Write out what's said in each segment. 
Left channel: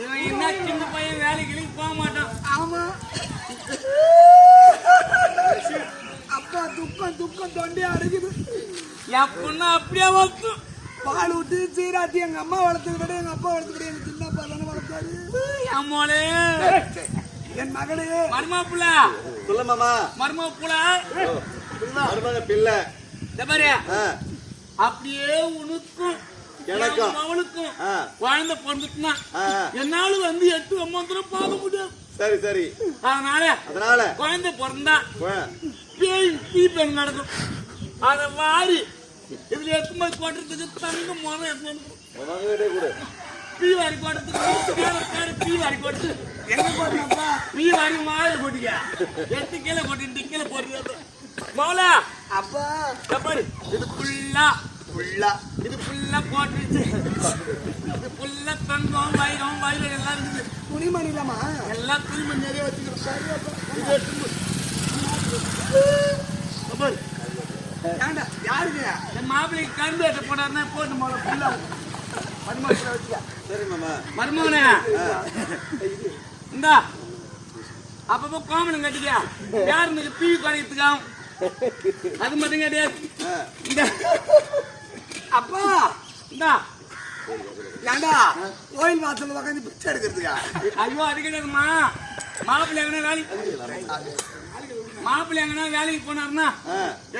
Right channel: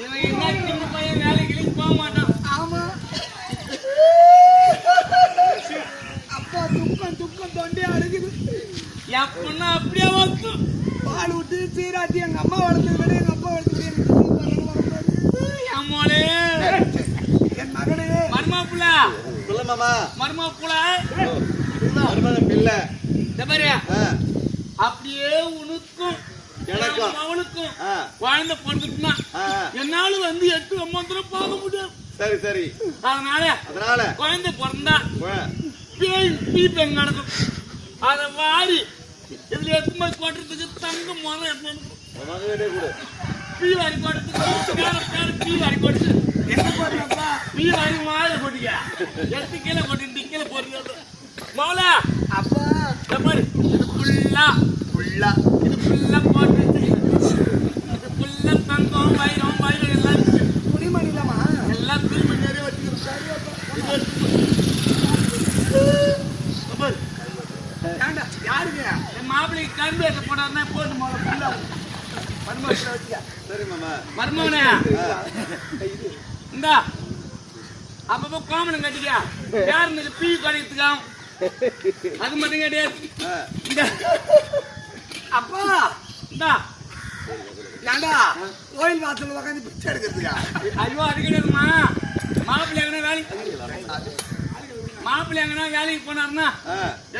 இவன் என்ன சின்ன பையன் வேலைக்கு போக மாட்டான். ஆமா. அப்பா துக்கம் துக்கம் தொண்டே அடைக்குது என் பொண்ணு அப்படியே வந்து பால் விட்டு சீராட்டி எங்க அம்மா வளர்த்தது விட எங்க அப்பா வளர்த்தது விட எனக்கு சின்ன பையன் வளர்த்தாரு என் மோளே என் மகனே. மருமாப்புல சொல்லு மாமா. மருமாப்புல ஓ, மருமகன் பிள்ளை. பாரு. ஆ, அப்படியே உனக்கும் எனக்கும். என் மவனுக்கும் ஆ, குழந்தை பிறந்துட்டுனா. என்னால வந்து எட்டு ஒன்பது பார்க்க முடியாது. சரி சரி. அதனால அதனால? குழந்தை பிறந்தா பேய் தீ பெண் நடக்கும். அதை வாரி இதுல எத்தனை கொட்டுறதுக்கு தங்க முறை எடுத்து கொடு. பீ வாரி கொட்டுறதுக்கு பேர பேர பீ வாரி கொட்டு. எங்க போறீங்கப்பா பீ வாரி மாயில கொட்டிக்க. எடுத்து கீழே கொட்டி கீழே போடுறது மௌலா அப்பா. இது ஃபுல்லா ஃபுல்லா இது ஃபுல்லா போட்டுருச்சு. இது ஃபுல்லா தங்கம் வைரம் வைரம் எல்லாம் துணிமணி இல்லாமா எல்லாம் திரும்ப நிறைய வச்சுக்கிறோம் ஏண்டா யாருங்க? என் மாப்பிள்ளைக்கு கரும்பு ஏற்ற போடாருன்னா போட்டு போல ஃபுல்லா மருமகளை வச்சுக்க. சரி மாமா. மருமகனே. இந்தா. அப்பப்போ கோமணம் கட்டிக்க. யாருன்னு பீ கடையத்துக்காம் அது மட்டும் கிடையாது. அப்பா இந்தா. ஏண்டா? கோயில் வாசல்ல உட்காந்து பிச்சை எடுக்கிறதுக்கா? ஐயோ அது கிடையாதுமா மாப்பிள்ளை எங்கன்னா வேலைக்கு மாப்பிள்ளை எங்கன்னா வேலைக்கு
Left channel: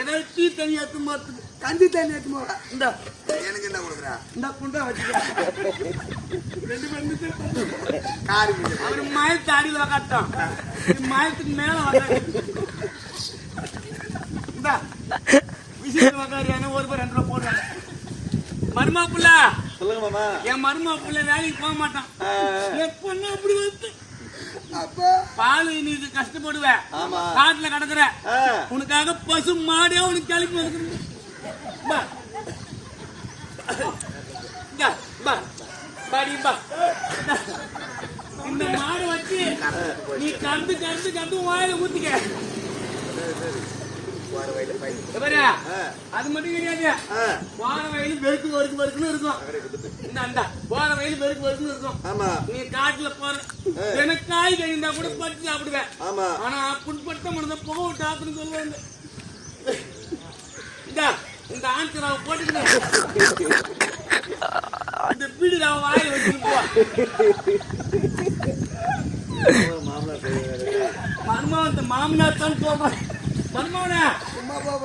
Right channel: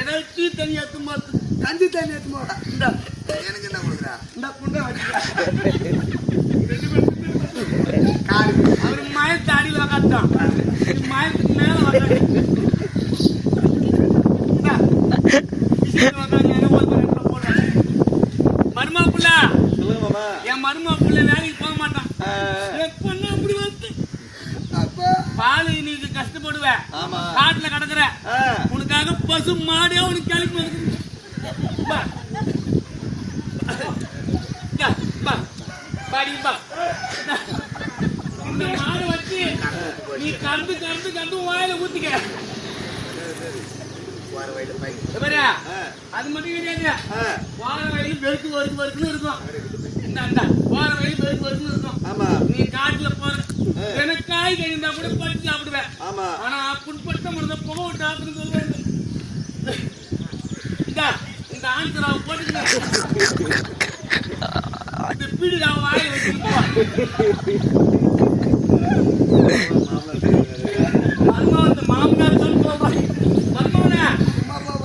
ஏதாவது டீ தண்ணி எடுத்து பார்த்து கஞ்சி தண்ணி எடுத்து போக இந்த. எனக்கு என்ன கொடுக்குறா? இந்த குண்டை வச்சுக்க. காரி. அவரு மயத்து அடியில் உக்காட்டான் மயத்துக்கு மேல உக்காரு இந்தா, விஷயத்துல உக்காருவாங்க, ஒரு பேர் ரெண்டு பேர் போடுறாங்க. மருமக புள்ள சொல்லுங்க மாமா என் மருமக புள்ள வேலைக்கு போக மாட்டான். எப்பன்னா அப்படி வந்து அப்பா. பால் நீ கஷ்டப்படுவேன். ஆமா. காட்டுல கிடக்குற. உனக்காக பசு மாடியா உனக்கு கிளப்பி வருது. இந்தா, மாடு வச்சு நீ கறந்து கறந்து கறந்து வாயில ஊத்திக்க. இந்த பாரு, ஆ, அது மட்டும் கிடையாது. வார வயலு வெறுக்கு வெறுக்கு வெறுக்குன்னு இருக்கும். இந்த அந்த வார வயலு வெறுக்கு வெறுக்குன்னு இருக்கும். ஆமா. நீ காட்டுல போற. எனக்கு காய் கழிந்தா கூட பறிச்சு சாப்பிடுவேன். ஆமா. ஆனா புண்படுத்த முடிந்த புகை விட்டு ஆத்துன்னு சொல்லுவாங்க. இந்த இந்த ஆன்சராவை போட்டுக்கிட்டு இந்த பீடி நான் வாயில வச்சுட்டு போ மாமனார் மாமனார் தான் சொல்றேன் மருமாவனே சும்மா போக போறேன் சும்மா போறேன் என்ன ஆ,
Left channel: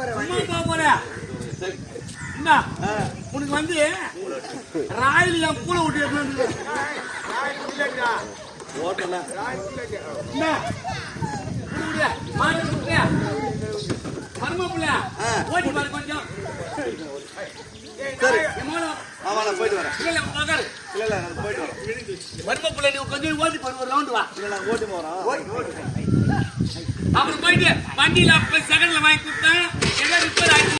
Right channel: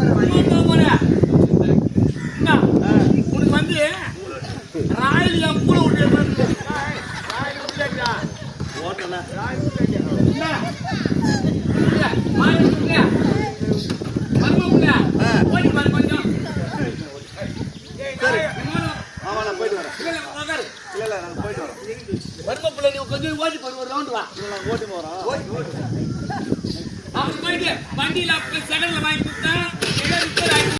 உனக்கு வந்து ராயில் பூனை விட்டு. ஓட்டி பாரு கொஞ்சம். சரி. மாமா நான் போயிட்டு வரேன். இல்ல, இல்ல, உட்காரு. இல்ல இல்ல நாங்க போயிட்டு வரோம் மருமக புள்ள, நீ கொஞ்சம் ஓட்டி போடு, ஒரு round வா. இல்ல நாங்க ஓட்டி போறோம் அப்ப போயிட்டு வண்டியில அப்ப செகண்ட்ல வாங்கி கொடுத்தேன். ஏதோ ரிப்பேர் ஆயிடுச்சு